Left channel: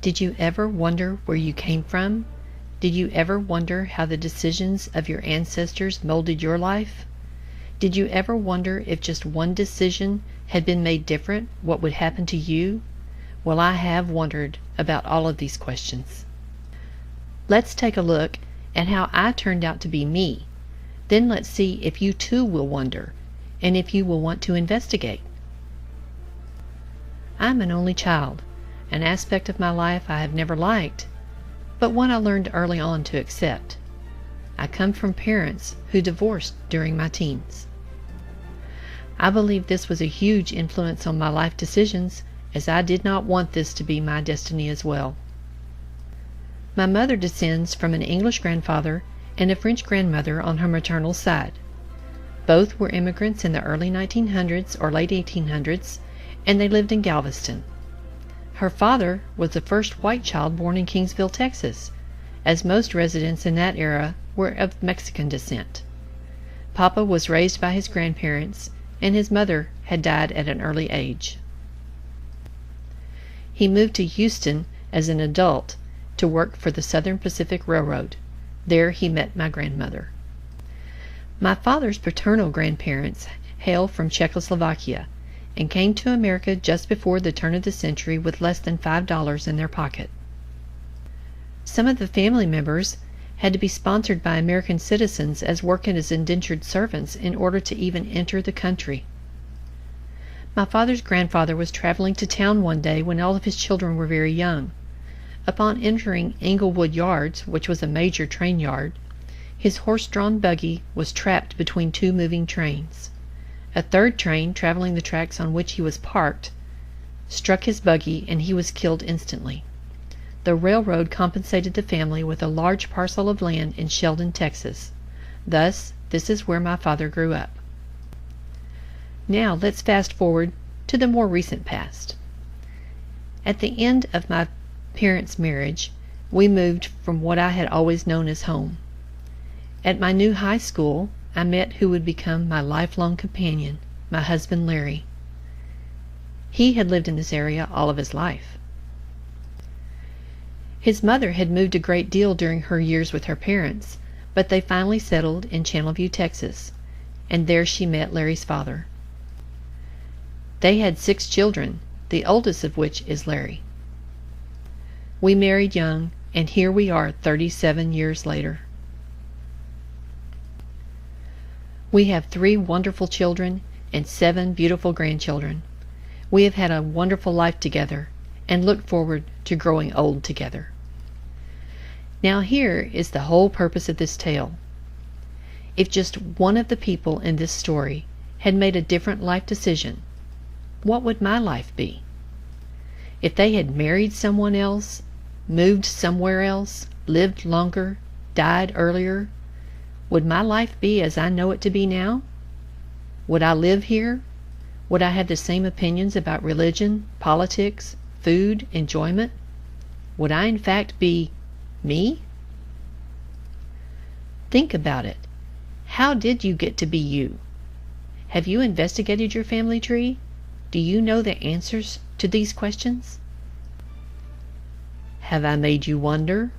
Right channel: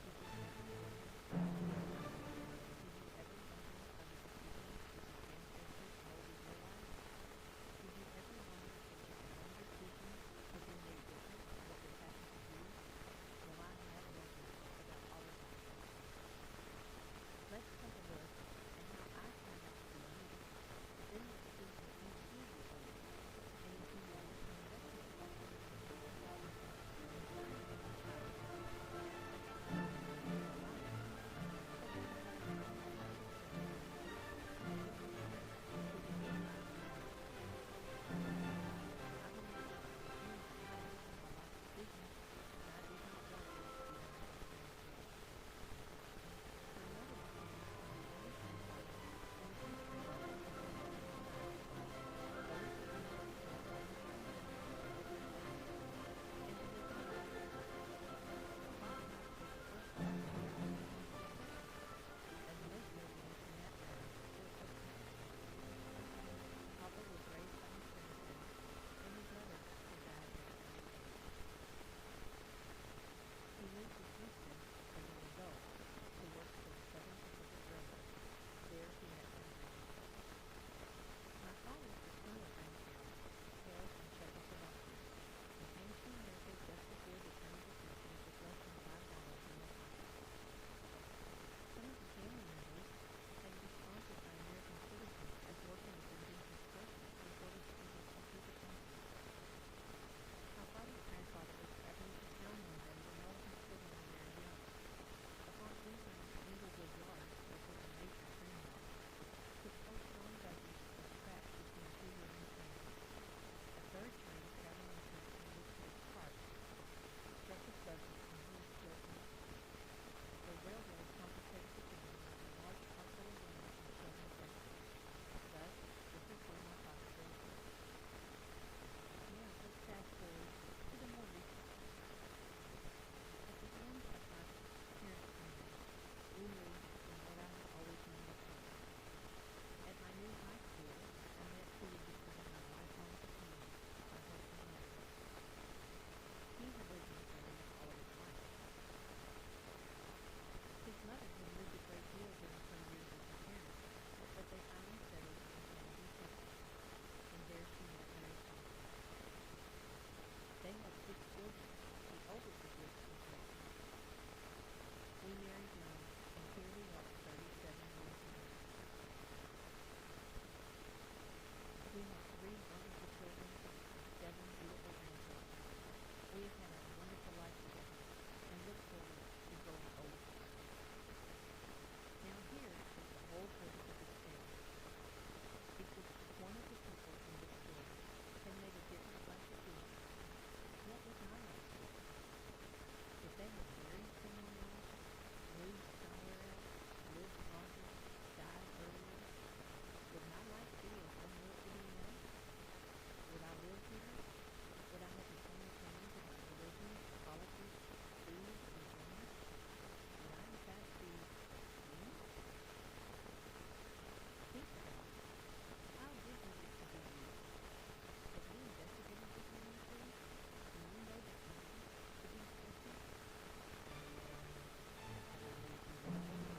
Did you ever wonder where you came from? Did you ever wonder how the decisions of your ancestors molded your life? Did you ever wonder if just one decision had been made different, what would happen to you? Well, I have wondered about all of these questions. Let's take a look at how I turned out to be me. Then let's see if you too will wonder, and if you will want to investigate. I'm an only child, an aspect of my life I have never liked, but one I learned early on to accept. I come from parents who divorced during my teens. I believe this was a huge influence on my life decisions, as I did not want this to be my destiny as well. My mother descends from an English grandfather and a French grandmother on her maternal side. Both were immigrants in the early 1900s or late 1800s, and they lived in Galveston. Her father was the first white child born in Kingsville, Texas, as most residents in that era were of Mexican descent. Papa was raised by his grandparents, and his mother had died at an early age. He moved to Houston as an adult to work for the Southern Pacific Railroad. There he met my grandmother. My father's paternal grandparents hail from Czechoslovakia and came to America just before the turn of the century with less than $5 in their pocket. Some of the family members had to be sponsored by American citizens as working as indentured servants in order to even enter the country. My father's grandfather was traveling to town one day when all of his children were very young. Upon entering Englewood Yards, which was a major train yard, his horse-drawn buggy was trapped between two moving trains. A third train, traveling the tracks on which he was parked, struck his buggy and he was killed instantly. The railroad compensated the family with a large parcel of land in Sheldon, Texas. Thus, this is where my father grew up. Now let's fast forward to the more recent past. At the end of my parents' marriage, we moved from what I had always known as home. At my new high school, I met who would become my lifelong companion, my husband Larry. He had lived in this area all of his life. His mother had moved a great deal during her years with her parents, but they finally settled in Channelview, Texas, and there she met Larry's father. They had 6 children, the oldest of which is Larry. We married young, and here we are 37 years later. We have 3 wonderful children and 7 beautiful grandchildren. We have had a wonderful life together and look forward to growing old together. Now here is the whole purpose of this tale. If just one of the people in this story had made a different life decision, what would my life be? If they had married someone else, moved somewhere else, lived longer, died earlier, would my life be as I know it to be now? Would I live here? Would I have the same opinions about religion, politics, food, enjoyment? Would I in fact be me? Think about it. How did you get to be you? Have you investigated your family tree? Do you know the answers to these questions? Have I made you wonder?